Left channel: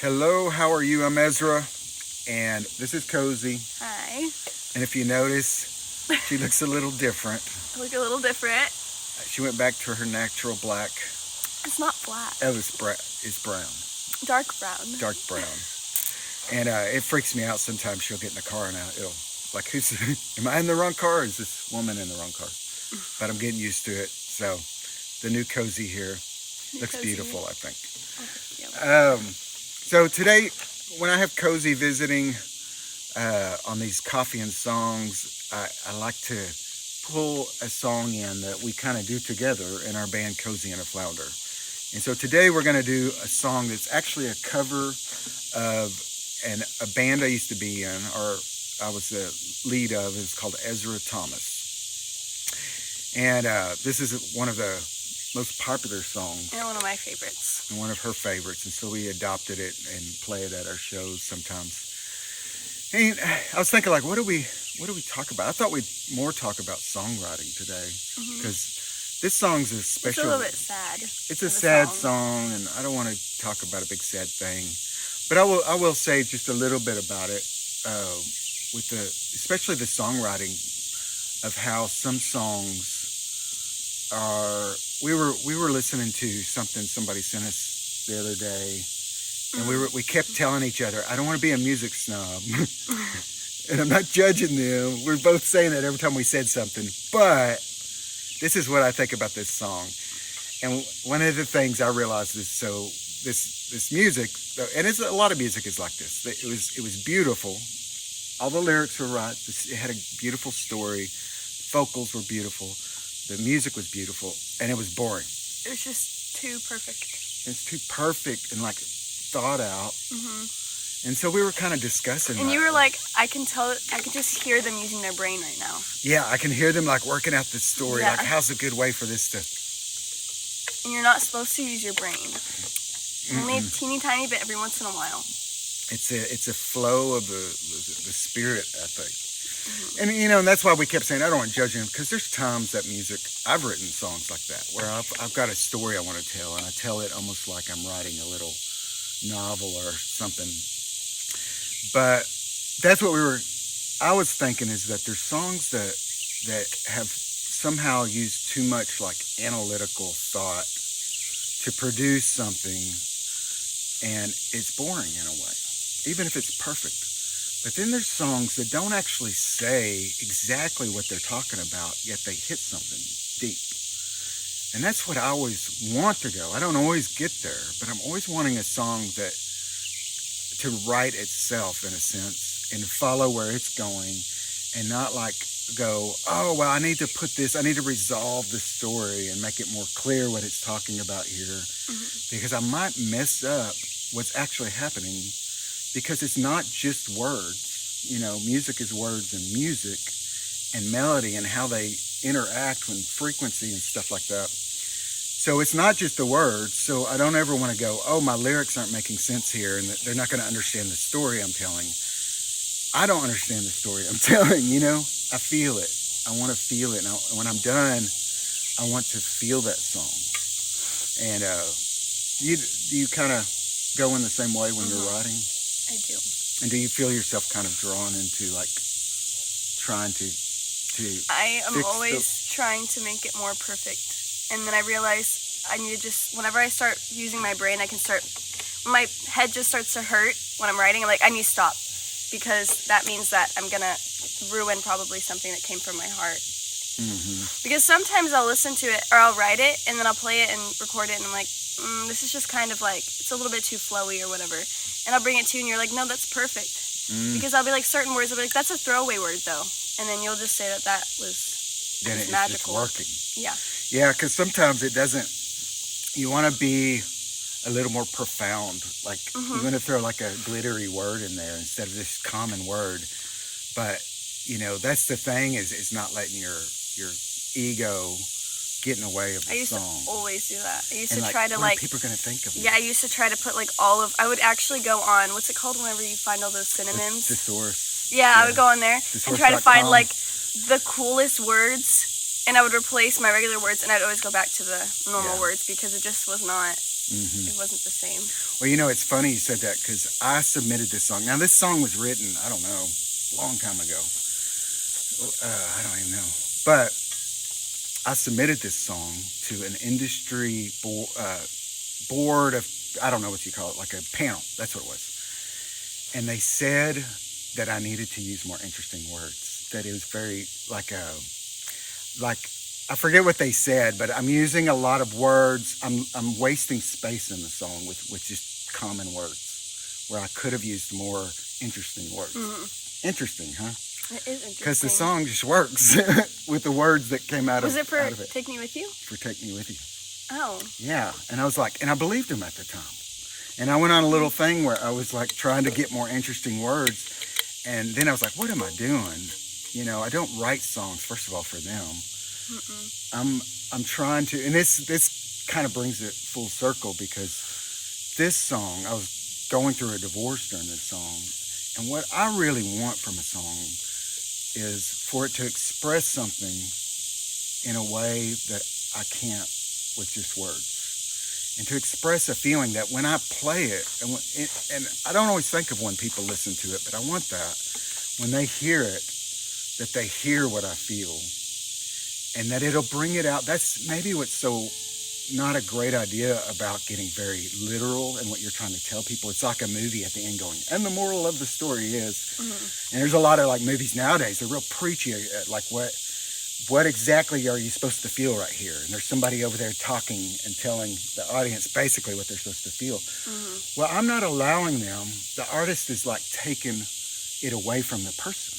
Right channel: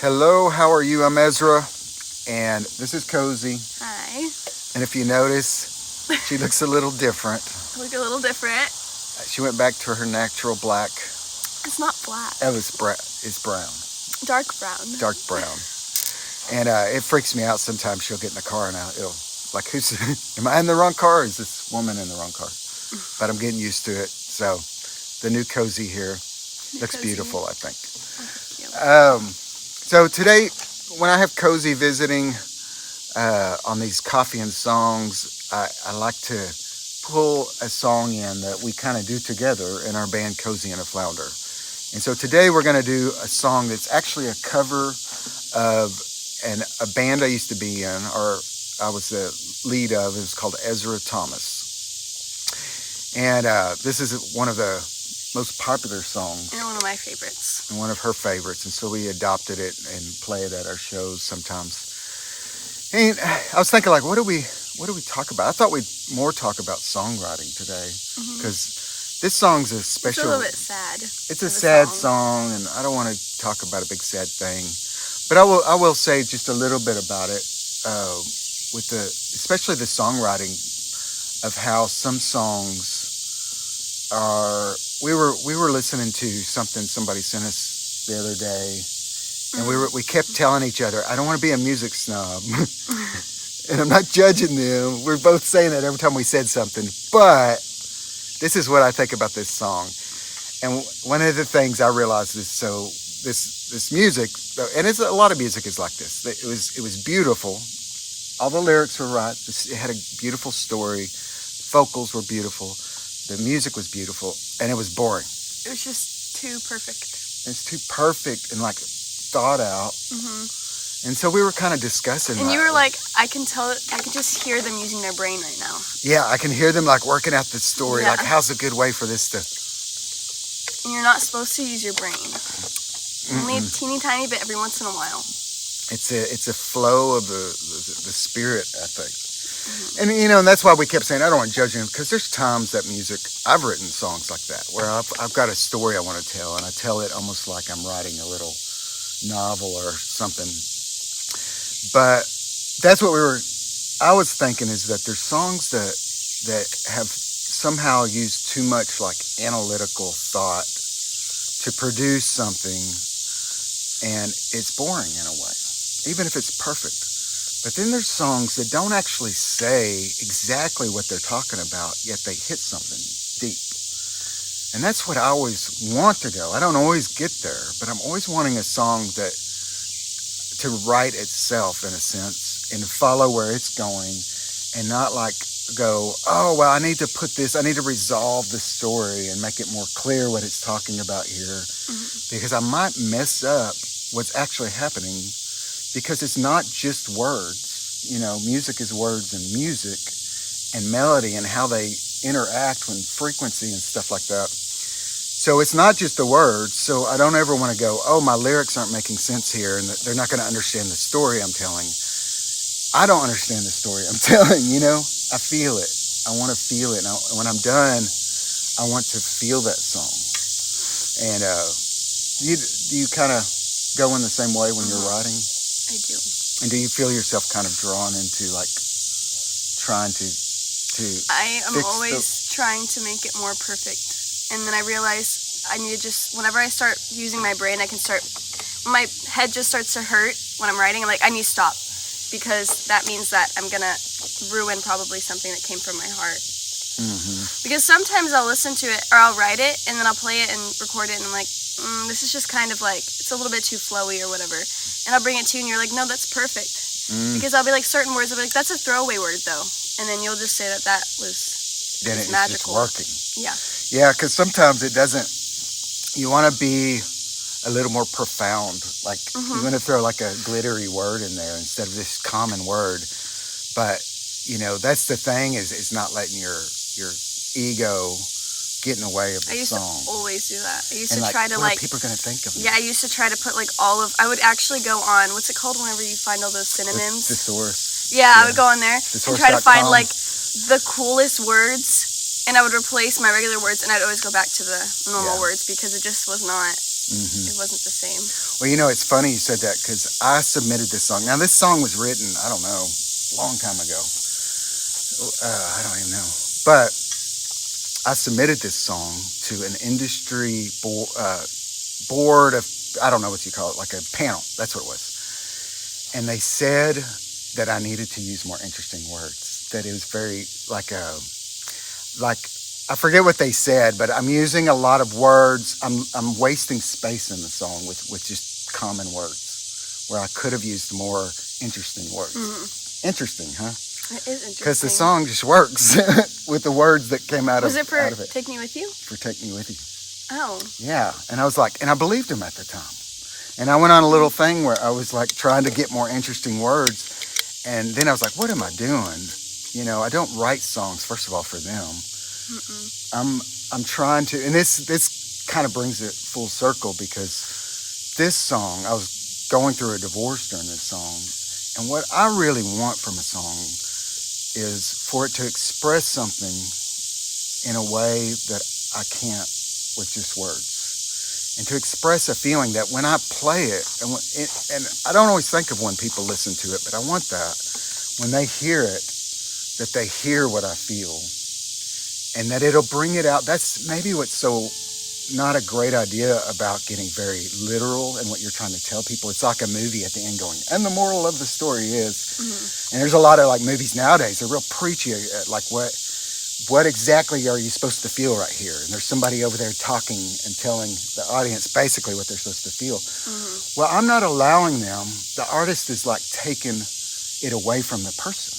Hello, how are you? I'm Ezra, and this is Cozi. Hi. And if you notice, she looks a little different. I look a little different. She went back to her natural black. It's not black. Oh, it's brown. Dark brown. Dark brown. And it freaks me out sometimes. She'll get in the car and it'll, like, am I in the wrong car or is this woman in the wrong car? But I'm getting used to it. So the new Cozi here looks beautiful, I think. Oh, thank you. So today, when I have Cozi visiting on these coffee and songs, I like to pull a song in that we kind of do together in our band Cozi and a Flounder. And so today we're going to do a song that's actually a cover of a band I used to be in, or I was the lead of. It was called Ezra Thomas. And this is one of the most popular songs. And one of my favorites. And one of her favorites. And so we adopted it and play it at our shows sometimes. And I was thinking, like, what do we talk about? I thought we'd more talk about songwriting today. Because this song's a special... It's a little bit sad. It's a sad song, and I don't want to talk about a big sad thing. But I will say just a little bit about it, especially the songwriting of how some songs are. We were listening to something somebody sent us the other day, and we kept telling each other, I don't want to be a music snob. And I'm not judging them. We're both saying that every time we said something. But this is what I think about this song. And one of the things I realized is this music, and a lot of music is like this. It was beautiful. All the lyrics were right. It had a beautiful story. The vocals were beautiful. The music was beautiful, and it was boring. It was just too perfect. It's too perfect and like thought out. And so we were kind of discussing. And you were like, I can just hear them using their brain right now. Yeah, I can hear them like working out the story. Yeah. Like, how's a good way for this to? And you're not supposed to use your brain. Only a teeny tiny bit every once in a while. It's a flow of the spirit, I think. And, and that's why we kept saying, I don't want to judge him, because there's times that music, I've written songs like that, where I've got a story I want to tell, and I tell it almost like I'm writing a little novel or something. But that's what I was thinking, is that there's songs that have somehow used too much, like, analytical thought to produce something, and it's boring in a way, even if it's perfect. But then there's songs that don't actually say exactly what they're talking about, yet they hit something deep. And that's what I always want to go. I don't always get there, but I'm always wanting a song to write itself, in a sense, and follow where it's going, and not like go, oh, well, I need to resolve the story and make it more clear what it's talking about here, because I might mess up what's actually happening. Because it's not just words, music is words and music and melody and how they interact with frequency and stuff like that. So it's not just the words. So I don't ever want to go, oh, my lyrics aren't making sense here and they're not going to understand the story I'm telling. I don't understand the story I'm telling, I feel it. I want to feel it. And when I'm done, I want to feel that song. And do you kind of go in the same way when you're writing? I do. And do you feel yourself kind of drawn into, like, trying to I am always trying to make it more perfect. And then I realize I need to whenever I start using my brain, when my head just starts to hurt when I'm writing, I'm like, I need to stop. Because that means that I'm going to ruin probably something that came from my heart. Because sometimes I'll listen to it, or I'll write it, and then I'll play it and record it, and I'm like, this is just kind of like, it's a little bit too flowy or whatever. And I'll bring it to you, and you're like, no, that's perfect. Because I'll be like, certain words, I'll be like, that's a throwaway word, though. And then you'll just say that was magical. Working. Yeah. Yeah, because sometimes it doesn't, you want to be a little more profound. Like, you want to throw like a glittery word in there instead of this common word. But, that's the thing, is not letting your ego get in the way of the song. I used to always do that. I used to like, try to, what like... are people going to think of me? Yeah, I used to try to put, like, I would actually go on, what's it called whenever you find all those synonyms? Thesaurus. Yeah, I would go on there and try to find, like, the coolest words, and I would replace my regular words, and I'd always go back to the normal words, because it just was not It wasn't the same. Well, you know, it's funny you said that because I submitted this song. Now, this song was written, I don't know, a long time ago. I don't even know. But I submitted this song to an industry board of, I don't know what you call it, like a panel. That's what it was. And they said that I needed to use more interesting words. That it was very I forget what they said, but I'm using a lot of words. I'm wasting space in the song with just common words where I could have used more interesting words. Mm-hmm. Interesting, huh? It is interesting. Because the song just works with the words that came out of it. Was it for Take Me With You? For Take Me With You. Oh. Yeah. And I was like, and I believed him at the time. And I went on a little thing where I was like trying to get more interesting words. And then I was like, what am I doing? You know, I don't write songs, first of all, for them. Mm-mm. I'm trying to, and this kind of brings it full circle because this song, I was going through a divorce during this song. And what I really want from a song is for it to express something in a way that I can't with just words. And to express a feeling that when I play it, and I don't always think of when people listen to it, but I want that when they hear it, that they hear what I feel and that it'll bring it out. That's maybe what's so not a great idea about getting very literal and what you're trying to tell people. It's like a movie at the end going, and the moral of the story is, and there's a lot of like movies nowadays, they're real preachy, like what exactly are you supposed to feel right here? And there's somebody over there talking and telling the audience basically what they're supposed to feel. Mm-hmm. Well, I'm not allowing them. The artist is like taking it away from the person.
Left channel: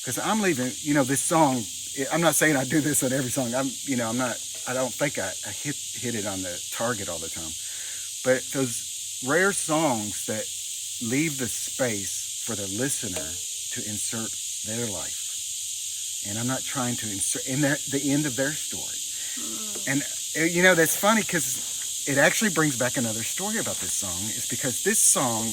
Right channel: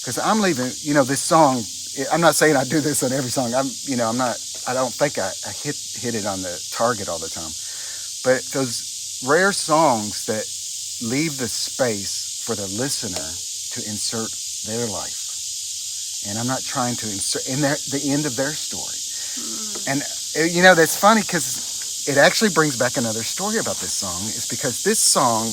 Because I'm leaving, you know, this song, I'm not saying I do this on every song. I don't think I hit it on the target all the time. But those rare songs that leave the space for the listener to insert their life. And I'm not trying to insert in the end of their story. And, you know, that's funny because it actually brings back another story about this song. It's because this song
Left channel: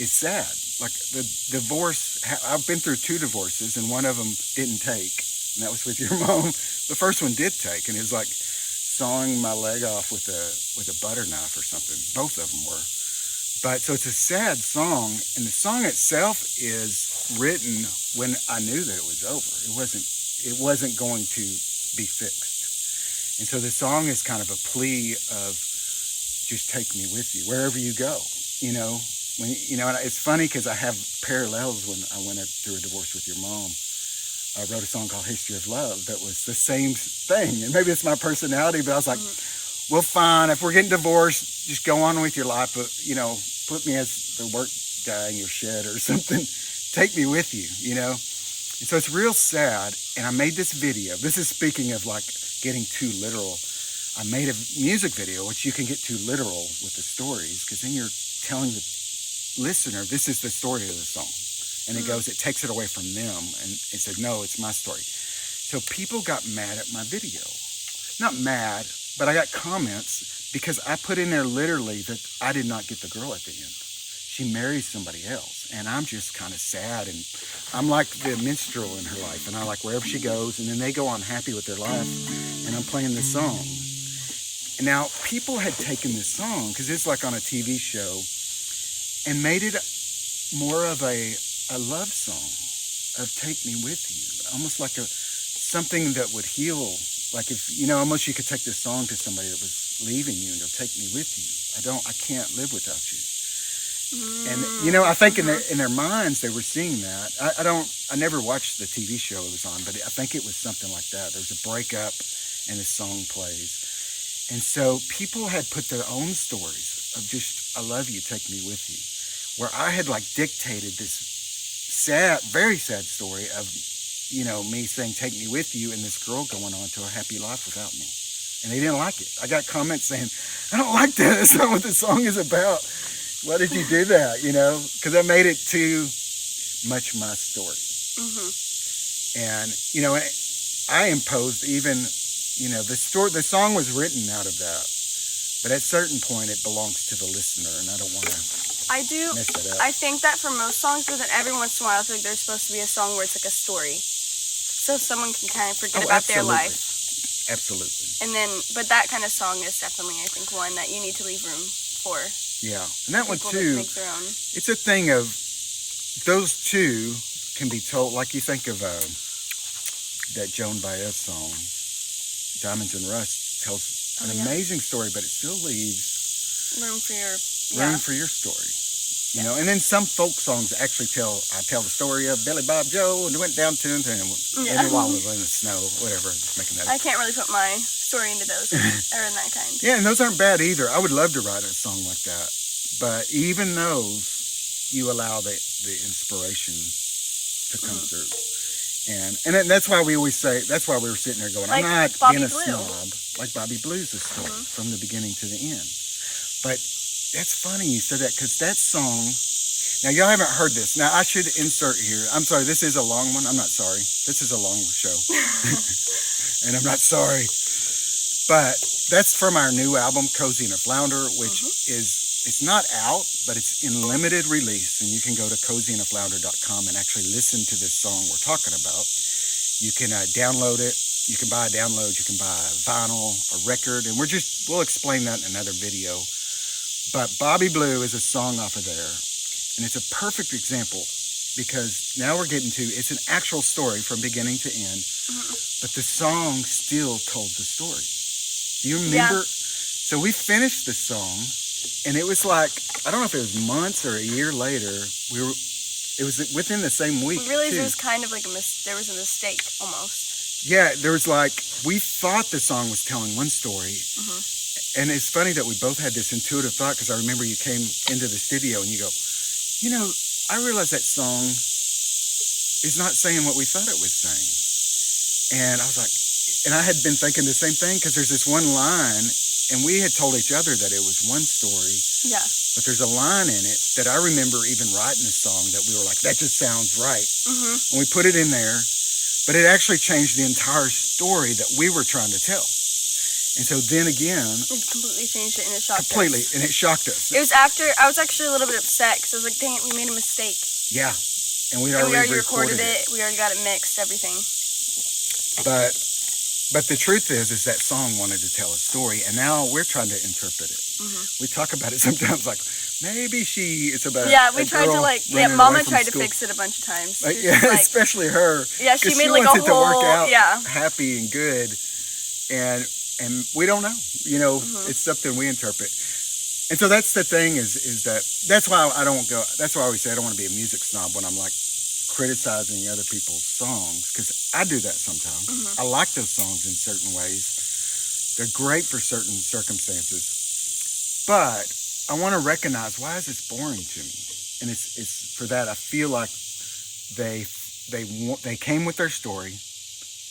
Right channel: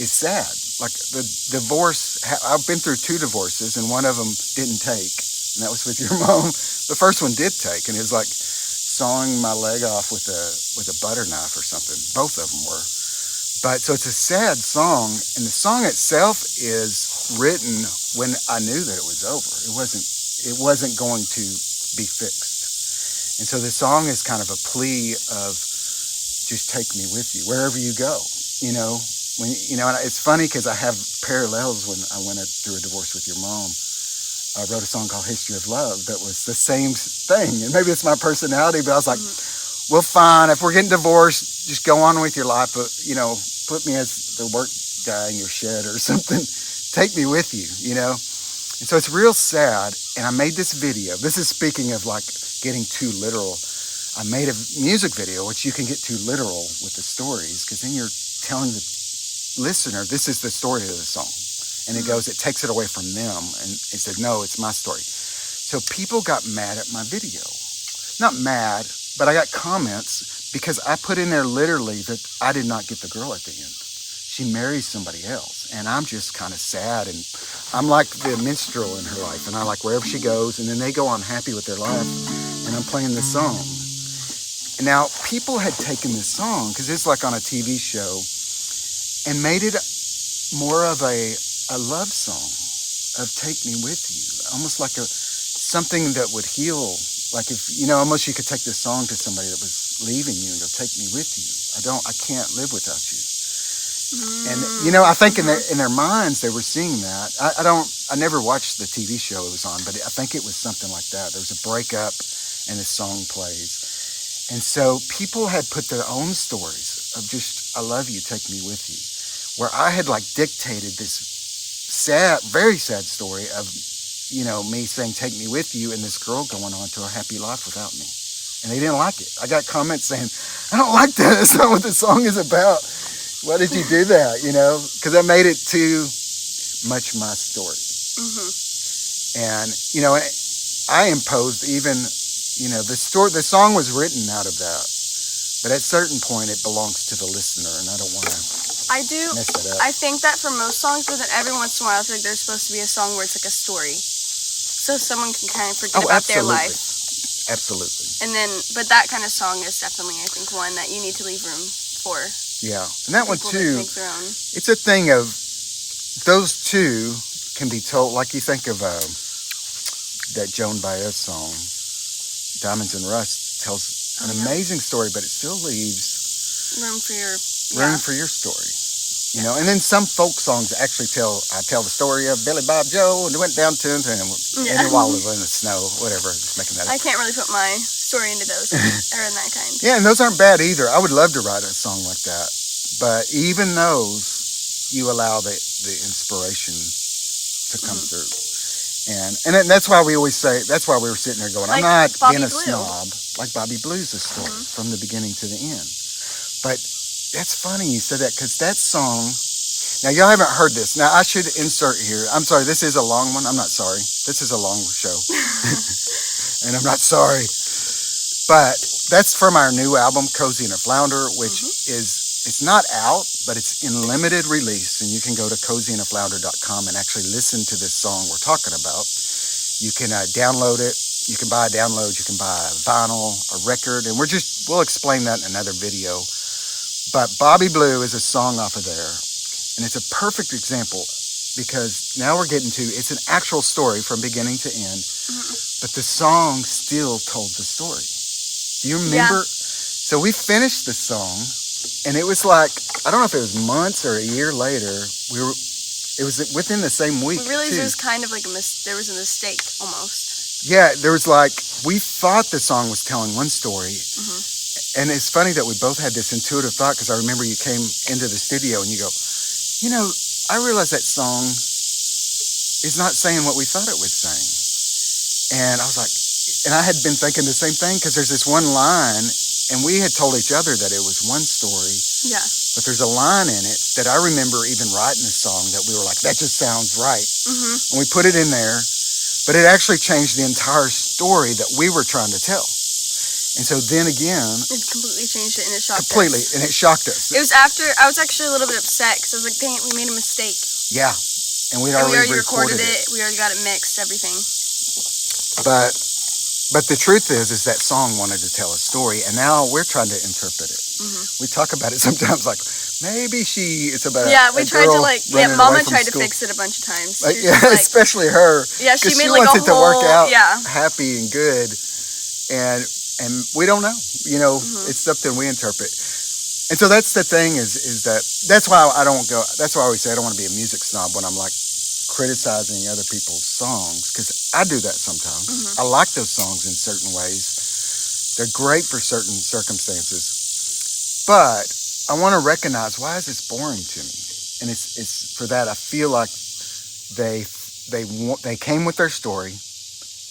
is sad. Like the divorce, I've been through 2 divorces and one of them didn't take. And that was with your mom. The first one did take. And it was like sawing my leg off with a butter knife or something. Both of them were. But so it's a sad song. And the song itself is written when I knew that it was over. It wasn't going to be fixed. And so the song is kind of a plea of just take me with you wherever you go, you know. And it's funny because I have parallels when I went through a divorce with your mom. I wrote a song called History of Love that was the same thing. And maybe it's my personality, but I was like, well, fine. If we're getting divorced, just go on with your life. But, you know, put me as the work guy in your shed or something. Take me with you, you know. And so it's real sad. And I made this video. This is speaking of like getting too literal. I made a music video, which you can get too literal with the stories because then you're telling the listener, this is the story of the song. And it takes it away from them. And it said, no, it's my story. So people got mad at my video. Not mad, but I got comments because I put in there literally that I did not get the girl at the end. She marries somebody else. And I'm just kind of sad. And I'm like the minstrel in her life. And I like wherever she goes. And then they go on happy with their life. And I'm playing this song. And now, people had taken this song, because it's like on a TV show, and made it more of a love song of take me with you. Almost like something that would heal. Like if, you know, almost you could take this song to somebody that was leaving you and go, take me with you. I can't live without you. And, you know, I think in their minds they were seeing that. I never watched the TV show it was on, but I think it was something like that. There was a breakup and this song plays. And so people had put their own stories of just, I love you, take me with you. Where I had like dictated this sad, very sad story of, you know, me saying, take me with you, and this girl going on to a happy life without me. And they didn't like it. I got comments saying, I don't like that. That's not what the song is about. Why did you do that? You know, because I made it too much my story. Mm-hmm. And, you know, I imposed even, you know, the song was written out of that. But at a certain point, it belongs to the listener, and I don't want to mess that up. I think that for most songs, but then every once in a while, it's like there's supposed to be a song where it's like a story. So someone can kind of forget about their life. Absolutely. And then, but that kind of song is definitely, I think, one that you need to leave room for. Yeah, and that one People too. that make their own. It's a thing of those two can be told. Like you think of that Joan Baez song, "Diamonds and Rust," tells an amazing story, but it still leaves room for your story. You know, and then some folk songs actually tell the story of Billy Bob Joe and they went down to him and while they were in the snow, whatever. Just making that up. I can't really put my story into those or in that kind. Yeah, and those aren't bad either. I would love to write a song like that, but even those, you allow the inspiration to come through, and that's why we always say. That's why we were sitting there going, like "I'm not Bobby being a Blue. snob." Like Bobby Blue's a story from the beginning to the end, but. That's funny you said that because that song. Now y'all haven't heard this. Now I should insert here. I'm sorry. This is a long one. I'm not sorry. This is a long show, and I'm not sorry. But that's from our new album, Cozi and a Flounder, which it's not out, but it's in limited release, and you can go to coziandaflounder.com and actually listen to this song we're talking about. You can download it. You can buy a download. You can buy a vinyl, a record, and we'll explain that in another video. But Bobby Blue is a song off of there, and it's a perfect example because now we're getting to, it's an actual story from beginning to end, but the song still told the story. Do you remember? Yeah. So we finished the song, and it was like, I don't know if it was months or a year later, it was within the same week. We realized it was kind of like there was a mistake almost. Yeah, there was like, we thought the song was telling one story. And it's funny that we both had this intuitive thought because I remember you came into the studio and you go, you know, I realize that song is not saying what we thought it was saying. And I was like, and I had been thinking the same thing because there's this one line and we had told each other that it was one story. Yeah. But there's a line in it that I remember even writing the song that we were like, that just sounds right. And we put it in there, but it actually changed the entire story that we were trying to tell. And so then again... It completely changed it and it shocked us. Completely, and it shocked us. It was after... I was actually a little bit upset because I was like, dang it, we made a mistake. Yeah. And we already recorded it. We already got it mixed, everything. But the truth is that song wanted to tell a story, and now we're trying to interpret it. We talk about it sometimes like, maybe it's about we tried to Mama tried to fix it a bunch of times. Like, especially her. Yeah, she made like a whole... to work out happy and good, and we don't know, you know, it's something we interpret. And so that's the thing is that, that's why I always say I don't want to be a music snob when I'm like criticizing other people's songs, because I do that sometimes. I like those songs in certain ways. They're great for certain circumstances. But I want to recognize, why is this boring to me? And it's for that I feel like they came with their story,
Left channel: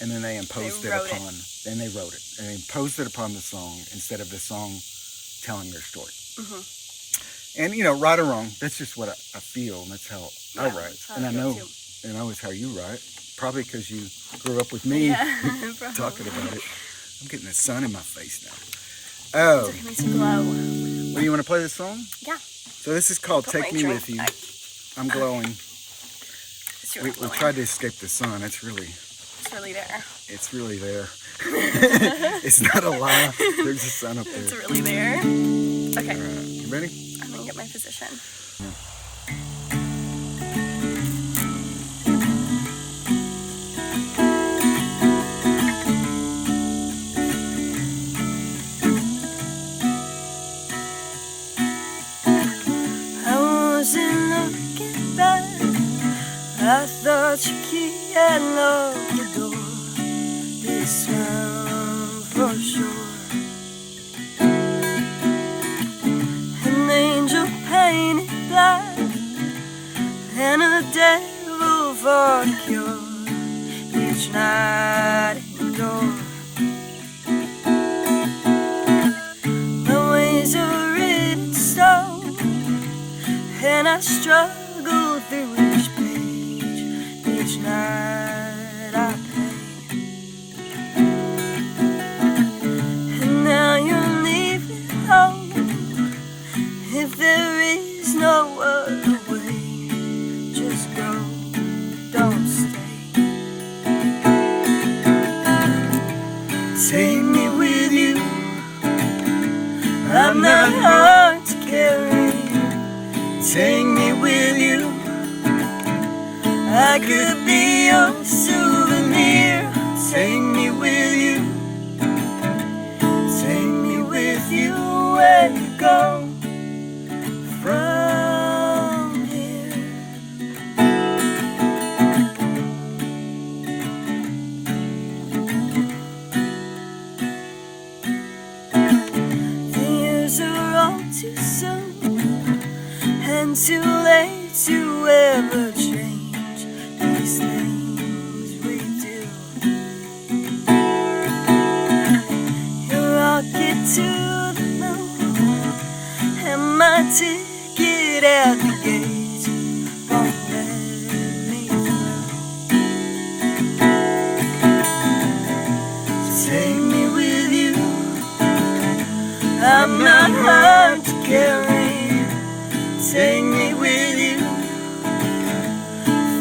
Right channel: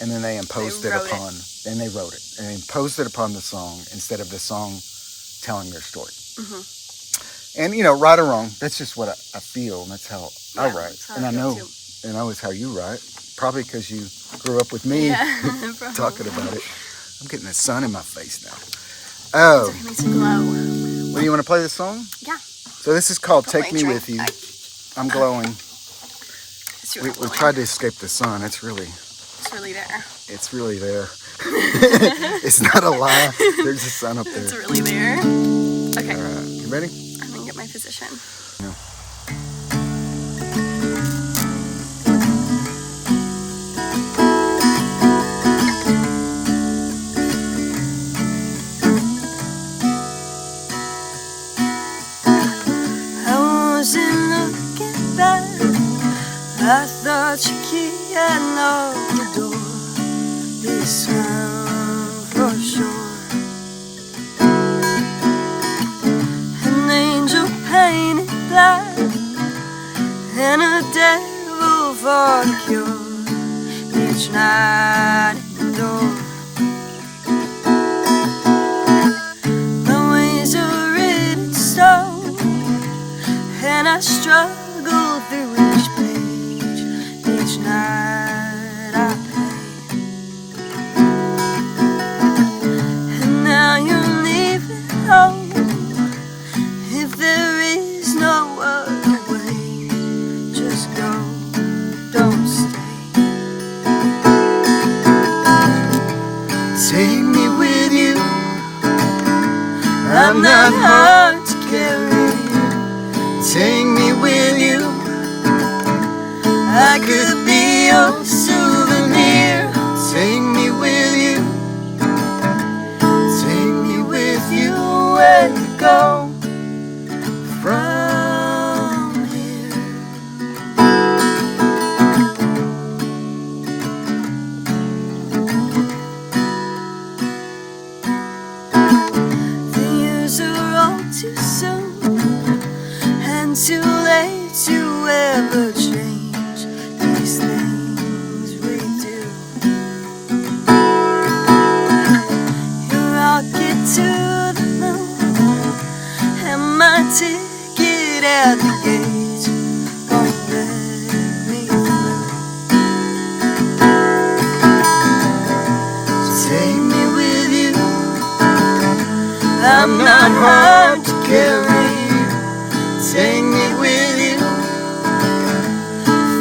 and then they imposed it upon. Then they wrote it and imposed it upon the song instead of the song telling their story. And you know, right or wrong, that's just what I feel, and that's how I write. And I know it's how you write. Probably because you grew up with me talking about it. I'm getting the sun in my face now. Oh, it makes it glow. Well, you want to play the song? Yeah. So this is called "Take Me With You." I'm glowing. We tried to escape the sun. It's really there. It's really there. It's not a lie. There's the sun up there. It's really there. Okay. You ready? I'm gonna get my position. Yeah. I wasn't looking back. I thought your key had locked the door. This time for sure. An angel painted black and a devil for the cure. Each night at the door. My ways are written stone, and I struggle through each page. Each night I pay. And now you're leaving home. If there is no other way, just go, don't stay. Take Take me with you. I could be your souvenir. Take me with you. Take me with you where you go from here. The years are all too soon and too late to ever change these things we do. Your rocket to the moon and my ticket at the gate won't let me through. So take me with you. I'm not hard to carry. Take me with you.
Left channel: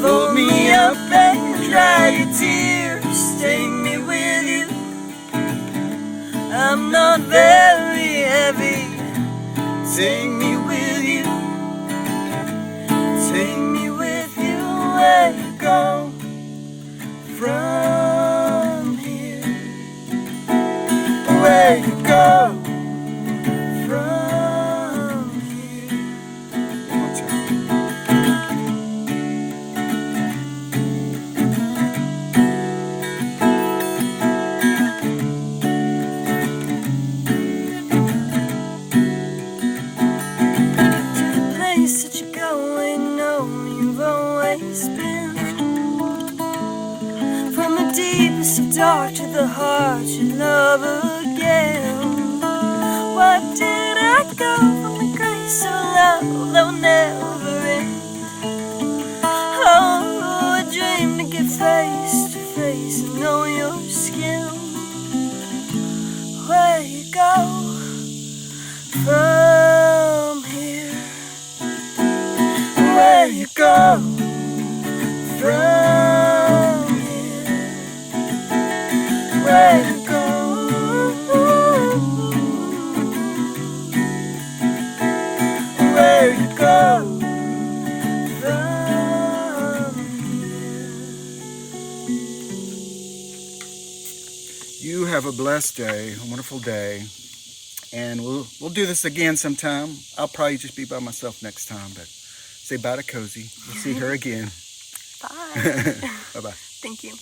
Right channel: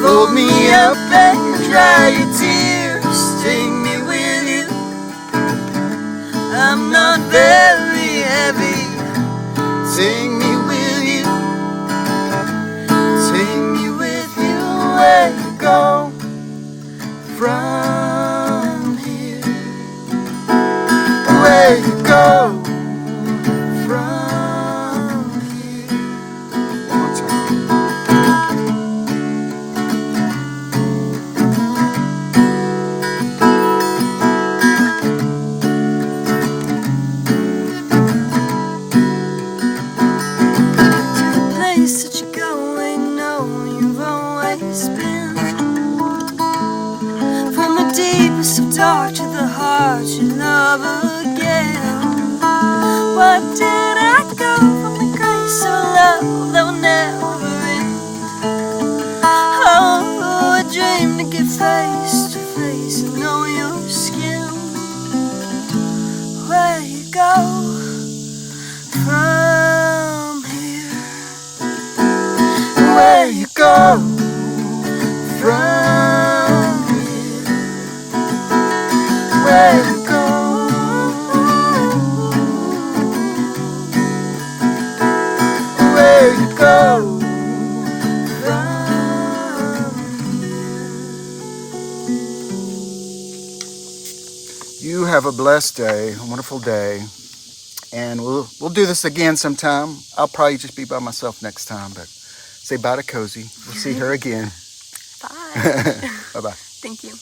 Fold me up and dry your tears. Take me with you. I'm not very heavy. Take me with you. Take me with you where you go from here. Where you go from here. One more time. To the place that you're going, know you've always been. From the deepest of dark to the heart you love again. What did I go from the grace of love that will never end? Oh, a dream to get face to face and know your skin. Where you go from here? Where you go from here? Where you go? Where you go from here? You have a blessed day, a wonderful day, and we'll do this again sometime. I'll probably just be by myself next time, but say bye to Cozi. We'll see her again. Bye. Bye-bye. Thank you.